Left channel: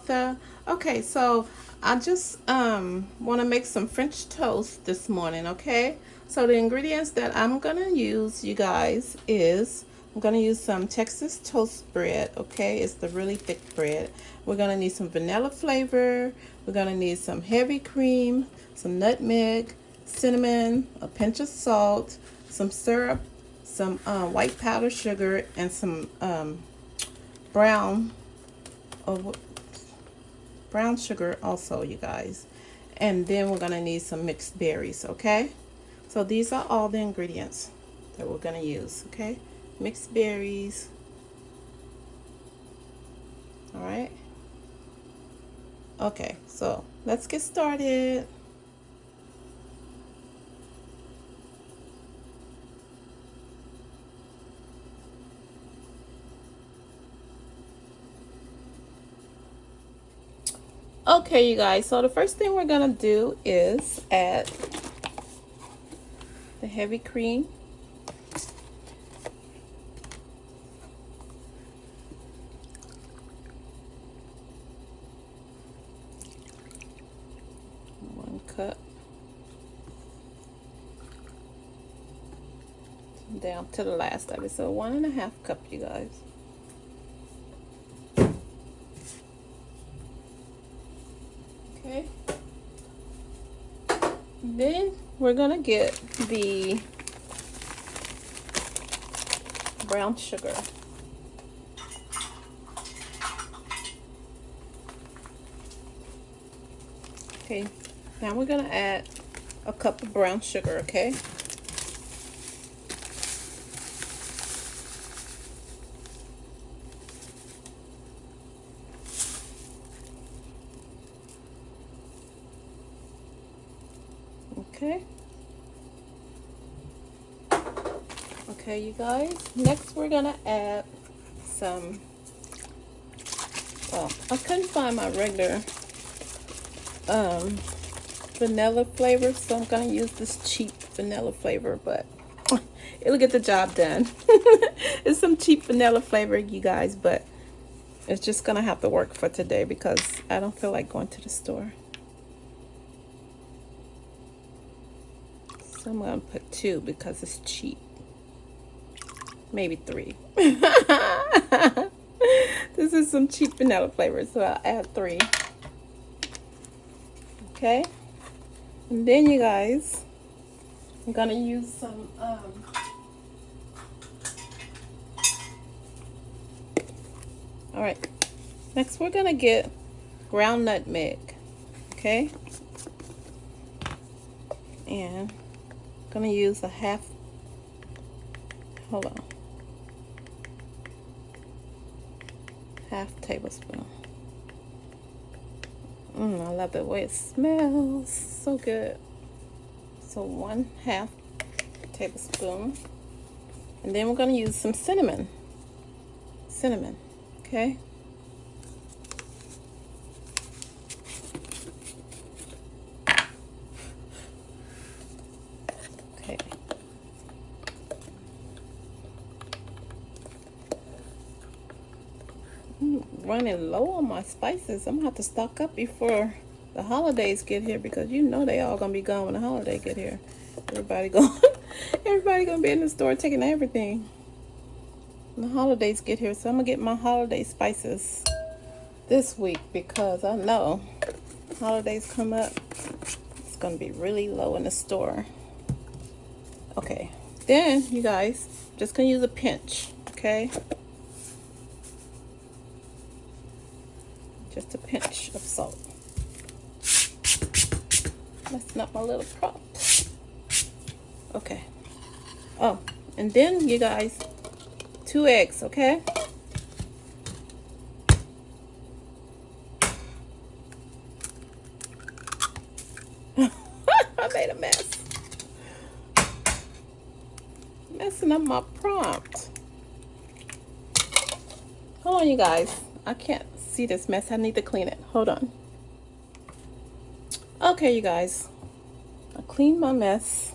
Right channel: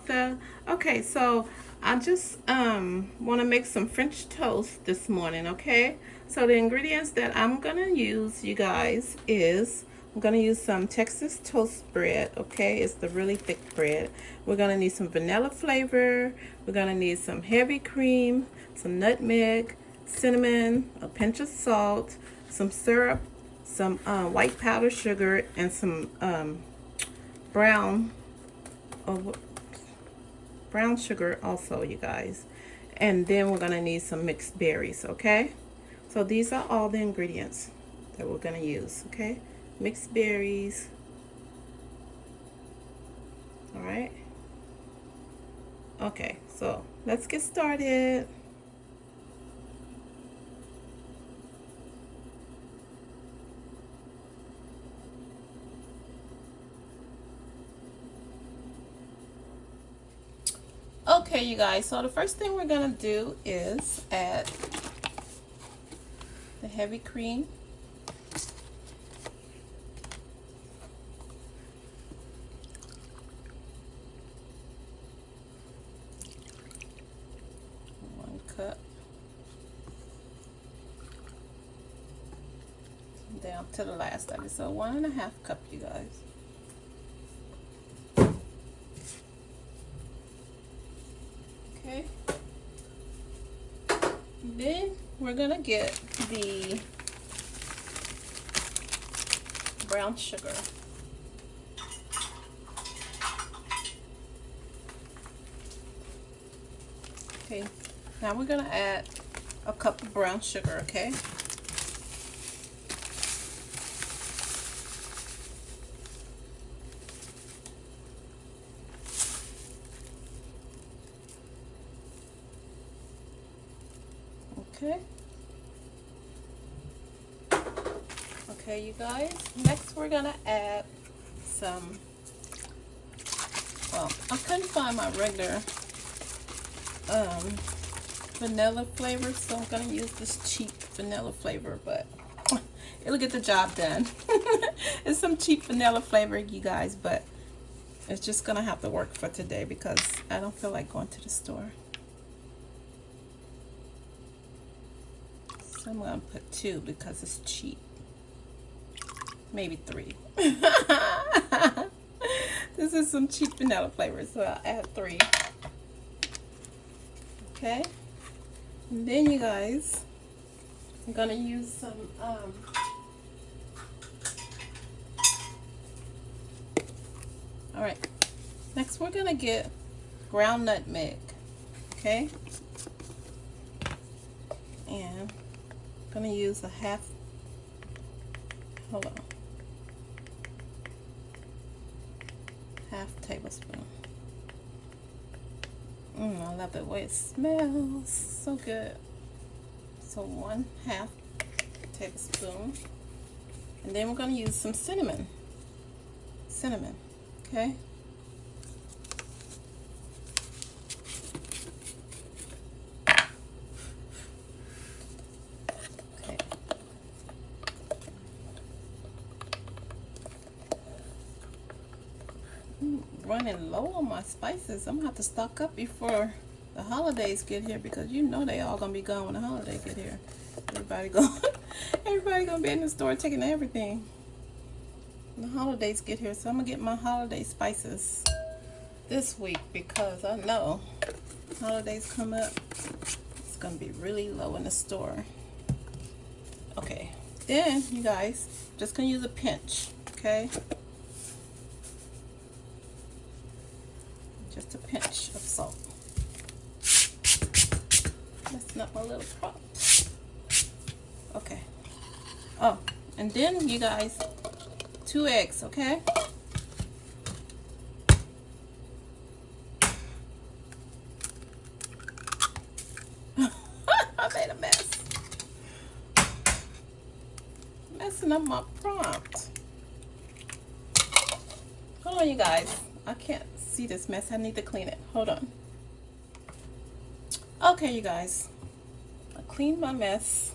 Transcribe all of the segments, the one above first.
Weltha. Okay, so I just want to make some French toast this morning, okay? So the ingredients that I'm going to use, you guys, is I'm going to use some Texas toast bread, okay? It's the really thick bread. We're going to need some vanilla flavor. We're going to need some heavy cream, some nutmeg, cinnamon, a pinch of salt, some syrup, some white powdered sugar, and some brown sugar also, you guys. And then we're gonna need some mixed berries, okay? So these are all the ingredients that we're gonna use, okay? Mixed berries. All right. Okay, so let's get started. Okay, you guys, so the first thing we're gonna do is add the heavy cream. One cup. Down to the last of it, so 1.5 cups, you guys. Okay. Then we're gonna get the brown sugar. Okay, now we're gonna add a cup of brown sugar, okay? Okay. Okay, you guys. Next, we're gonna add some. Well, I couldn't find my regular vanilla flavor, so I'm gonna use this cheap vanilla flavor, but it'll get the job done. It's some cheap vanilla flavor, you guys, but it's just gonna have to work for today because I don't feel like going to the store. So I'm gonna put 2 because it's cheap. Maybe 3. This is some cheap vanilla flavor, so I'll add 3. Okay. And then, you guys, I'm gonna use some all right. Next, we're gonna get ground nutmeg. Okay. And I'm gonna use a half. Hold on. Half tablespoon. I love the way it smells. So good. So 1/2 tablespoon. And then we're going to use some cinnamon. Cinnamon. Okay. Okay. Running low on my spices. I'm gonna have to stock up before the holidays get here because you know they all gonna be gone when the holidays get here. Everybody gonna be in the store taking everything when the holidays get here. So I'm gonna get my holiday spices this week because I know holidays come up, it's gonna be really low in the store. Okay, then you guys, just gonna use a pinch, okay? Just a pinch of salt. Messing up my little prop. Okay. Oh, and then you guys, 2 eggs, okay? I made a mess. Messing up my prompt. Hold on, you guys. I can't see this mess. I need to clean it. Hold on. Okay, you guys. I cleaned my mess.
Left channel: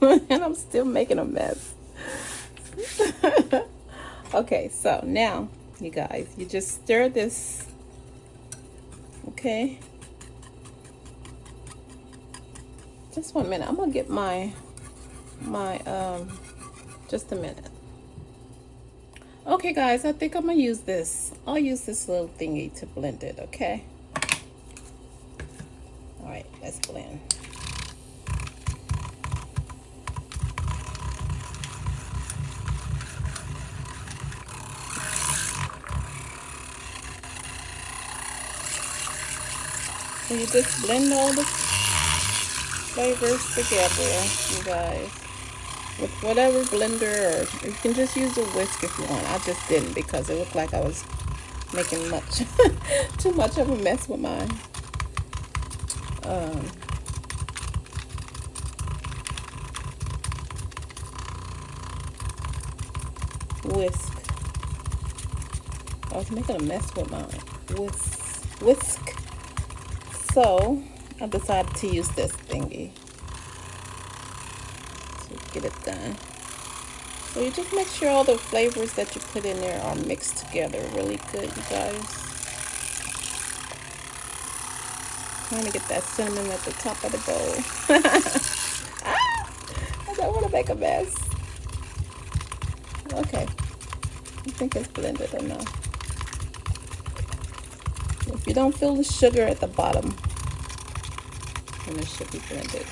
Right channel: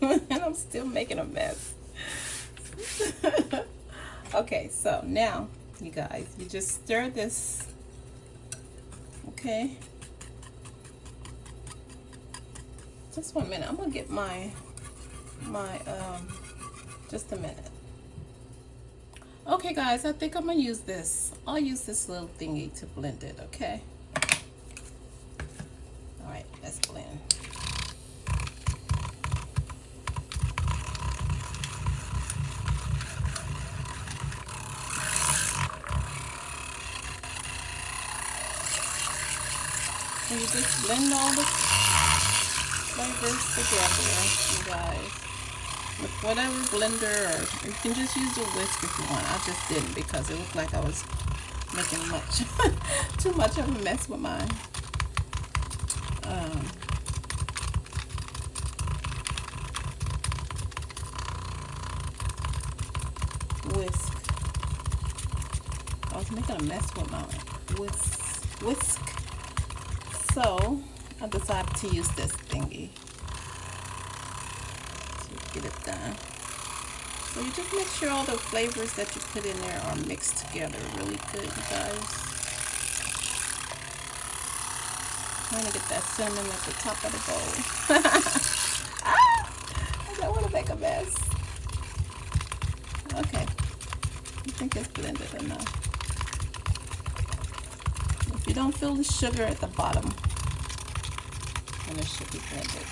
And I'm still making a mess. Okay, so now, you guys, you just stir this Okay. Just 1 minute. I'm gonna get my just a minute. Okay guys, I think I'm gonna use this. I'll use this little thingy to blend it, okay? All right, let's blend. So you just blend all the flavors together, you guys, with whatever blender, or you can just use a whisk if you want. I just didn't because it looked like I was making much too much of a mess with my whisk. I was making a mess with my whisk. So I decided to use this thingy to get it done. So you just make sure all the flavors that you put in there are mixed together really good, you guys. I'm gonna get that cinnamon at the top of the bowl. I don't want to make a mess. Okay, I think it's blended enough. If you don't feel the sugar at the bottom, then it should be blended.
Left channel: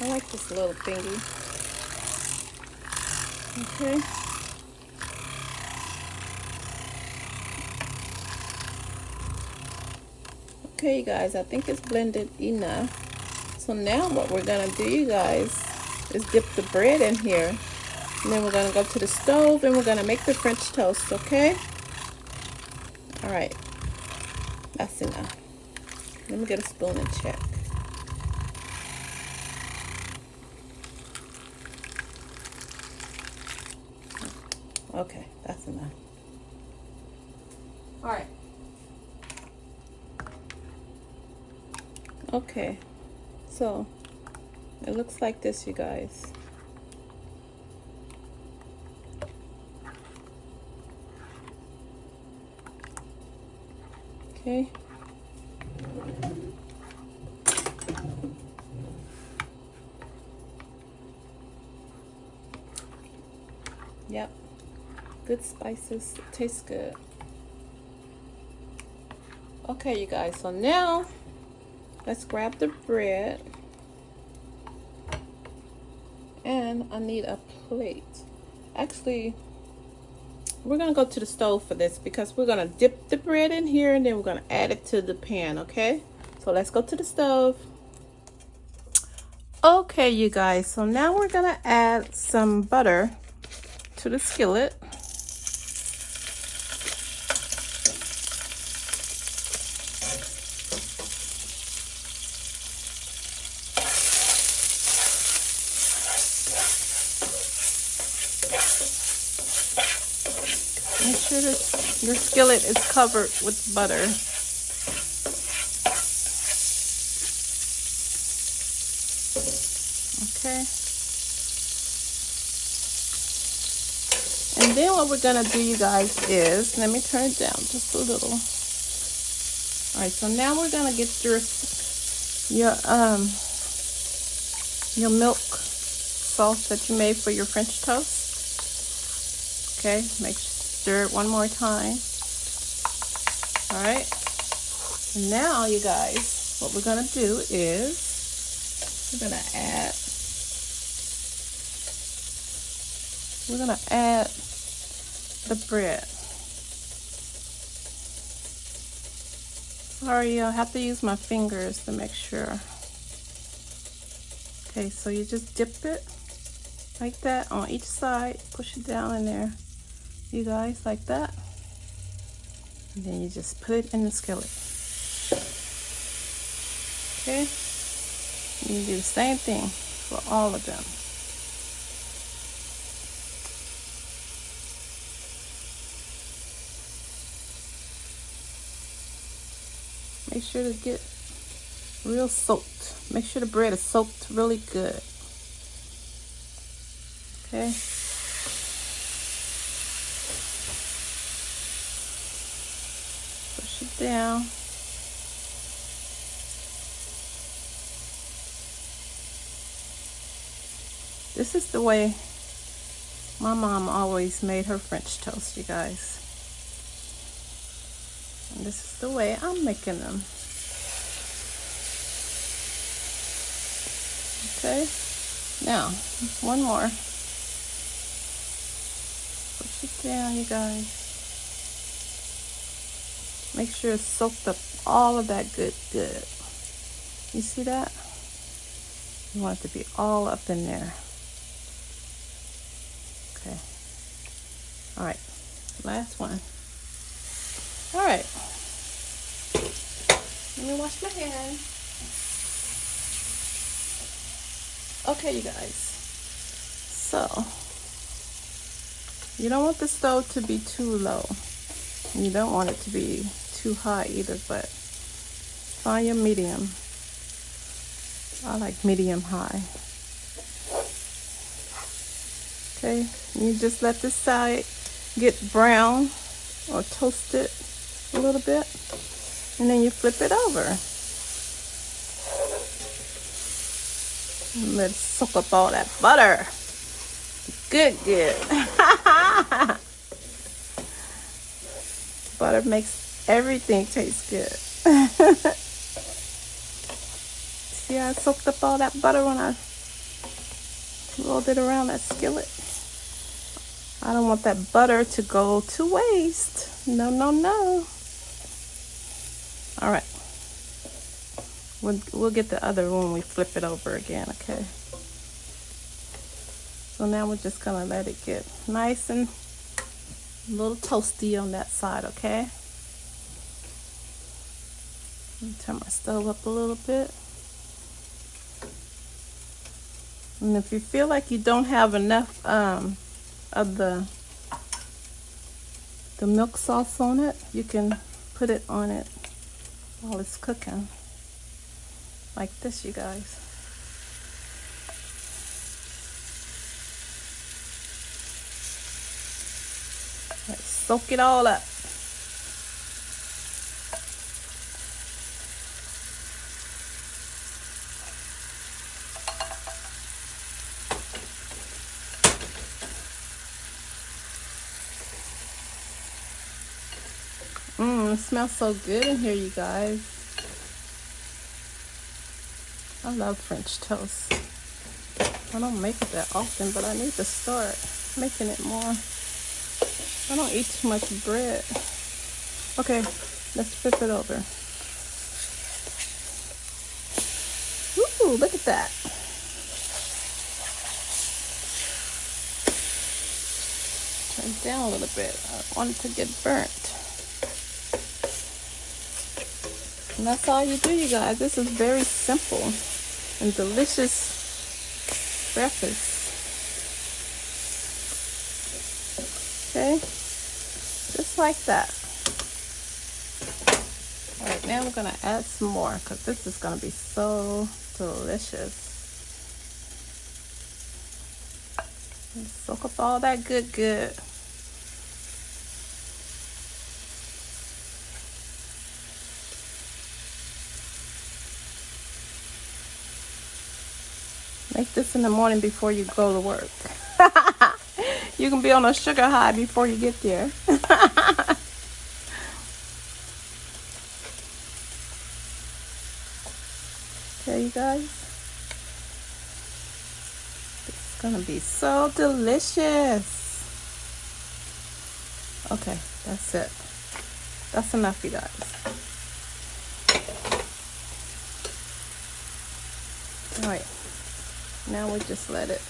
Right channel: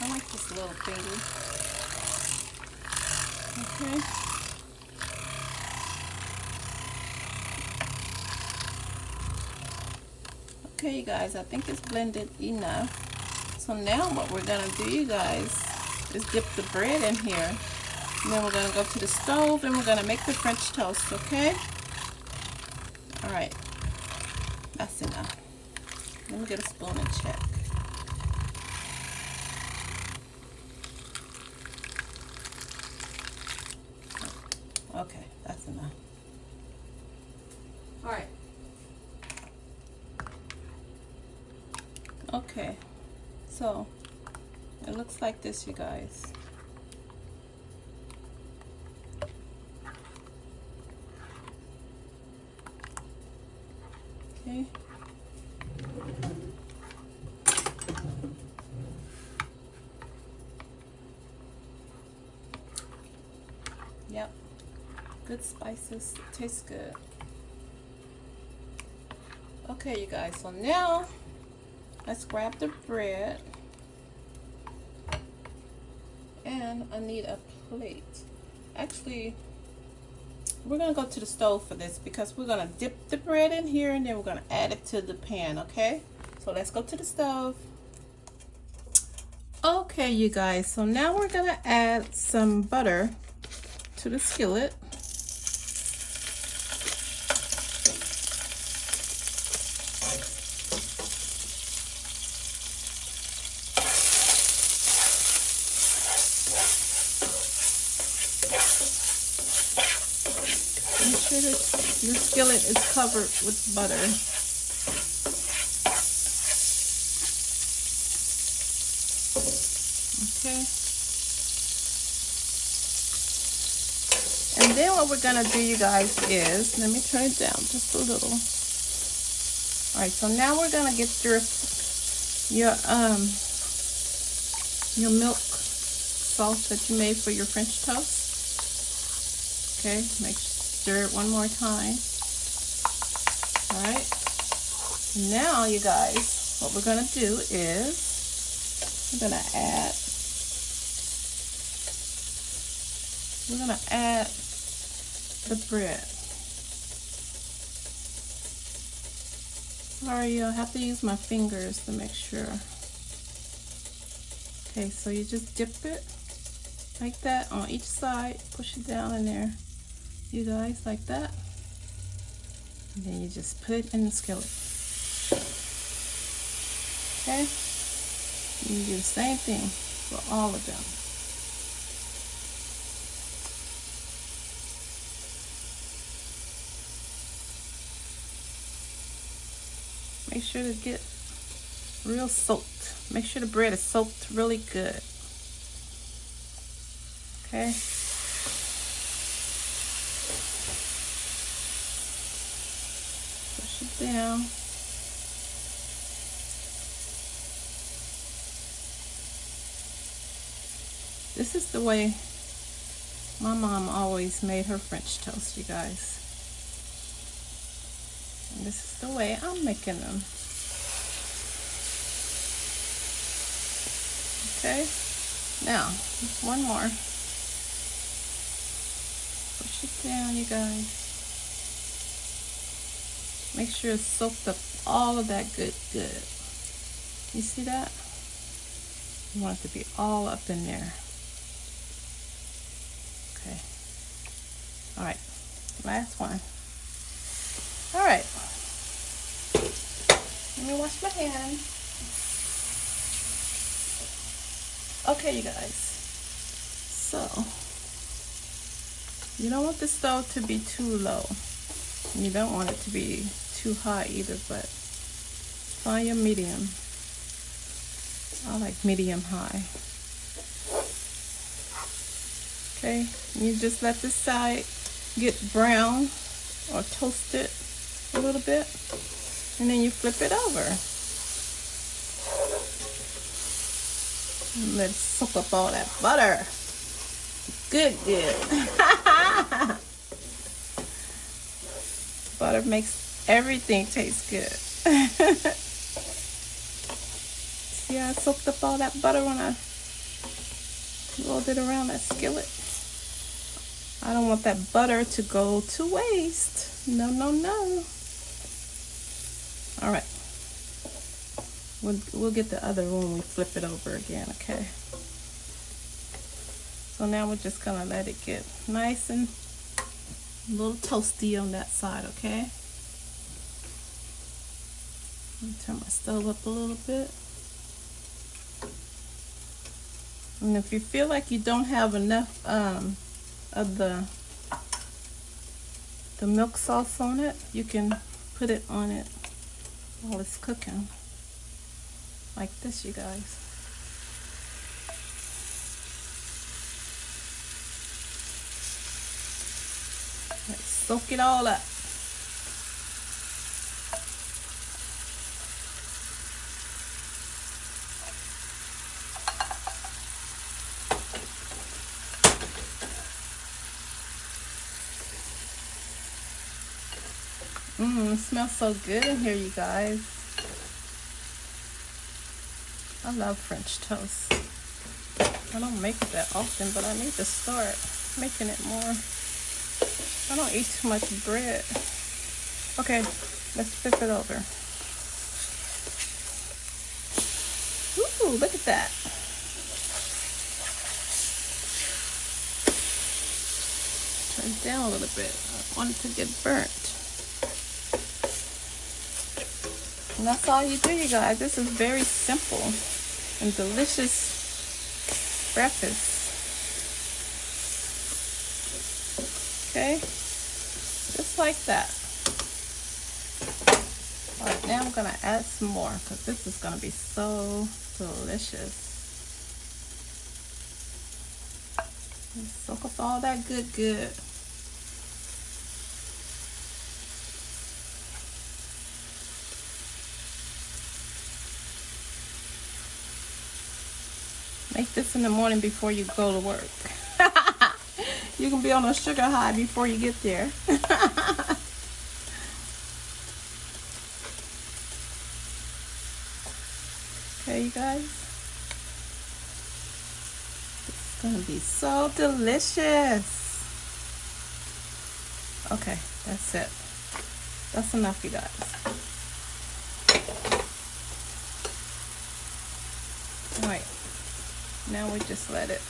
I like this little thingy. Okay. Okay, you guys, I think it's blended enough. So now what we're gonna do, you guys, is dip the bread in here. And then we're gonna go to the stove and we're gonna make the French toast, okay? All right, that's enough. Let me get a spoon and check. Okay, that's enough. All right. Okay, so it looks like this, you guys. Okay. Yep. Good spices. It tastes good. Okay, you guys, so now let's grab the bread. And I need a plate. Actually, we're gonna go to the stove for this because we're gonna dip the bread in here and then we're gonna add it to the pan, okay? So let's go to the stove. Okay, you guys, so now we're gonna add some butter to the skillet. Make sure that your skillet is covered with butter. Okay. And then what we're gonna do, you guys, is, let me turn it down just a little. All right, so now we're gonna get your milk sauce that you made for your French toast. Okay, stir it one more time. All right. Now, you guys, what we're gonna do is we're gonna add the bread. Sorry, I'll have to use my fingers to make sure. Okay, so you just dip it like that on each side, push it down in there, you guys, like that. And then you just put it in the skillet. Okay, you do the same thing for all of them. Make sure to get real soaked. Make sure the bread is soaked really good. Okay. Push it down. This is the way my mom always made her French toast, you guys. And this is the way I'm making them. Okay, now one more. Push it down, you guys. Make sure it's soaked up all of that good. You see that? You want it to be all up in there. Okay. All right, last one. All right. Let me wash my hands. Okay, you guys. So, you don't want the stove to be too low. You don't want it to be too high either, but find your medium. I like medium high. Okay, you just let this side get brown or toasted a little bit, and then you flip it over. Let's soak up all that butter. Good. Butter makes everything taste good. See how I soaked up all that butter when I rolled it around that skillet? I don't want that butter to go to waste. No. All right. We'll get the other when we flip it over again, okay? So now we're just gonna let it get nice and a little toasty on that side, okay? Let me turn my stove up a little bit. And if you feel like you don't have enough of the milk sauce on it, you can put it on it while it's cooking. Like this, you guys. Let's soak it all up. It smells so good in here, you guys. I love French toast. I don't make it that often, but I need to start making it more. I don't eat too much bread. Okay, let's flip it over. Ooh, look at that. Turn it down a little bit. I want it to get burnt. And that's all you do, you guys. This is very simple and delicious breakfast. Okay, just like that. All right, now I'm gonna add some more because this is gonna be so delicious. And soak up all that good. Make this in the morning before you go to work. You can be on a sugar high before you get there. Okay, you guys. It's gonna be so delicious. Okay, that's it. That's enough, you guys. All right. Now we just let it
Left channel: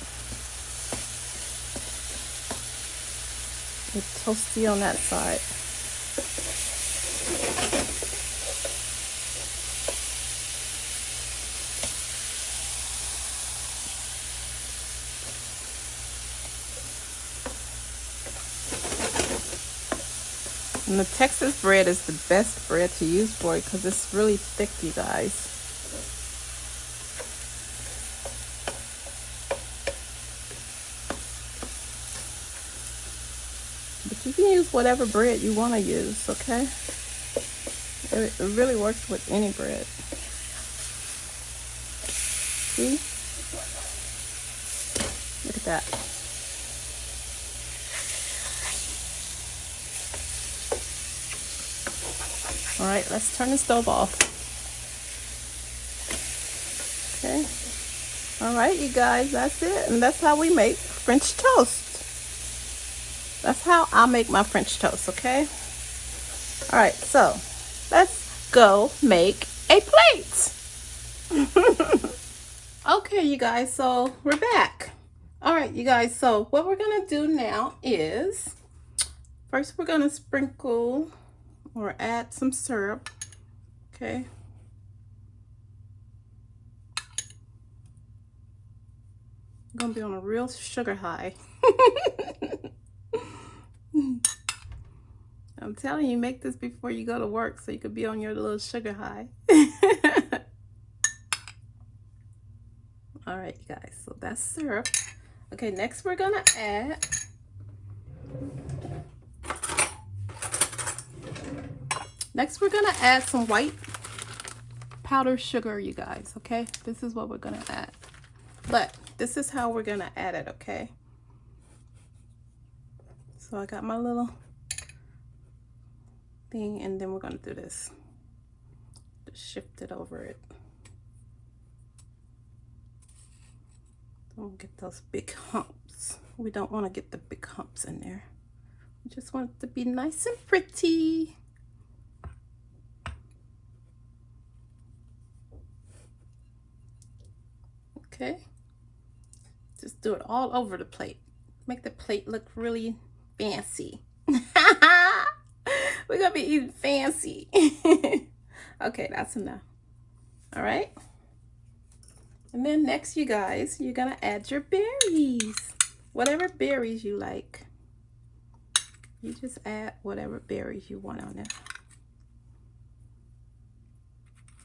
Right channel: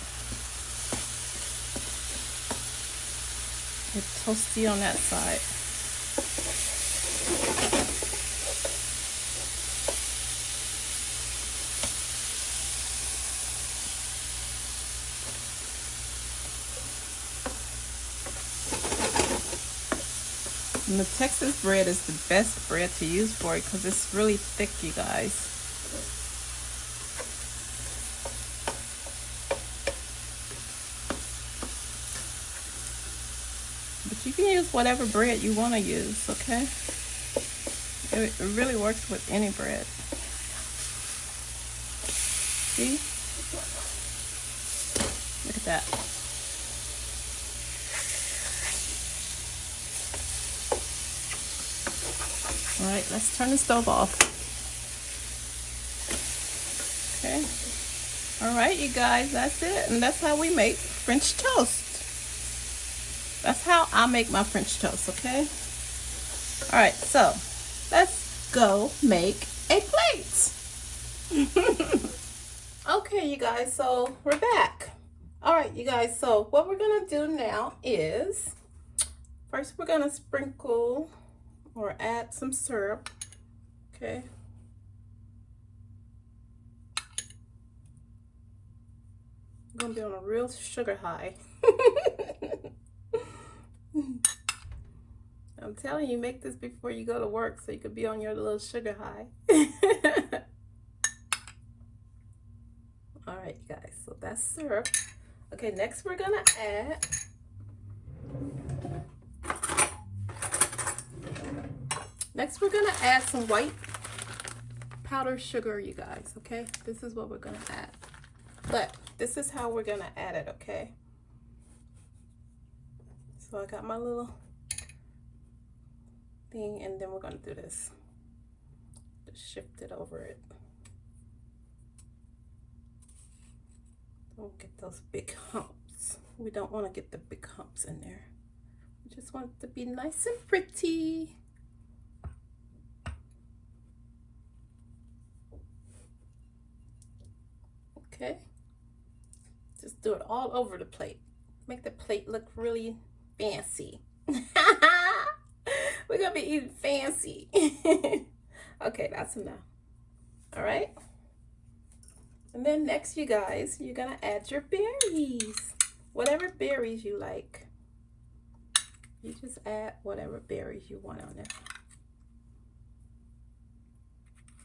get toasty on that side. And the Texas bread is the best bread to use for it because it's really thick, you guys. You can use whatever bread you want to use, okay? It really works with any bread. See? Look at that. All right, let's turn the stove off. Okay. All right, you guys, that's it. And that's how we make French toast. That's how I make my French toast, okay? All right, so let's go make a plate. Okay, you guys, so we're back. All right, you guys, so what we're gonna do now is, first we're gonna sprinkle or add some syrup, okay? I'm gonna be on a real sugar high. I'm telling you, make this before you go to work so you could be on your little sugar high. All right, you guys, so that's syrup. Okay, next we're gonna add some white powdered sugar, you guys, okay? This is what we're gonna add. But this is how we're gonna add it, okay? So I got my little thing, and then we're gonna do this. Just shift it over it. Don't get those big humps. We don't want to get the big humps in there. We just want it to be nice and pretty. Okay. Just do it all over the plate. Make the plate look really fancy. We're gonna be eating fancy. Okay, that's enough. All right. And then next, you guys, you're gonna add your berries. Whatever berries you like. You just add whatever berries you want on there.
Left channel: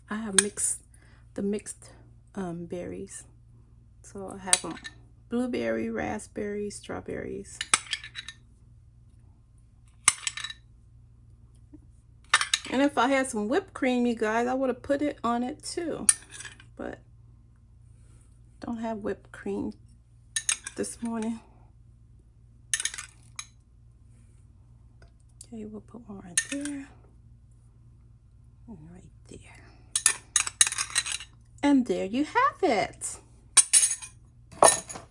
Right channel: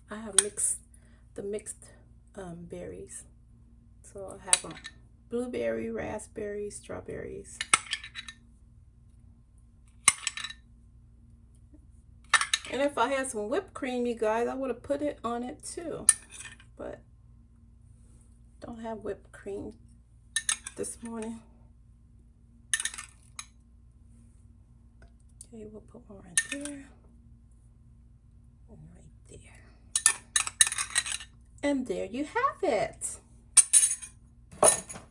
I have mixed berries. So I have them blueberry, raspberry, strawberries. And if I had some whipped cream, you guys, I would have put it on it too. But don't have whipped cream this morning. Okay, we'll put one right there. And right there. And there you have it.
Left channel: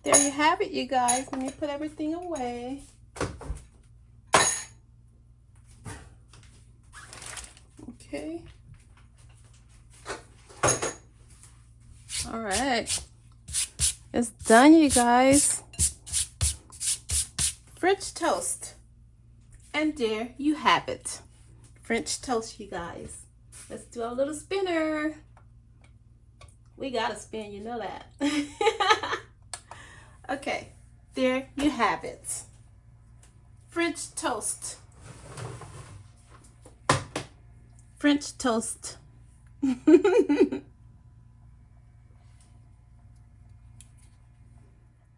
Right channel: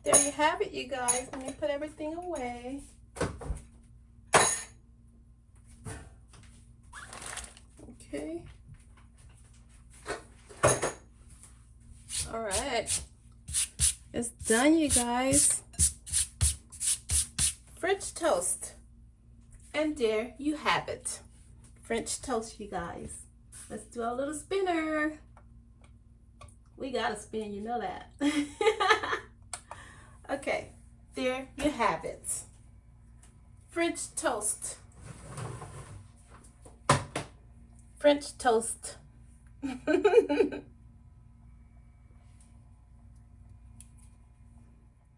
There you have it, you guys. Let me put everything away. Okay. All right. It's done, you guys. French toast. And there you have it. French toast, you guys. Let's do a little spinner. We gotta spin, you know that. Okay, there you have it. French toast. French toast.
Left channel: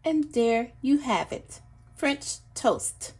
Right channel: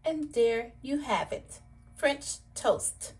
And there you have it. French toast.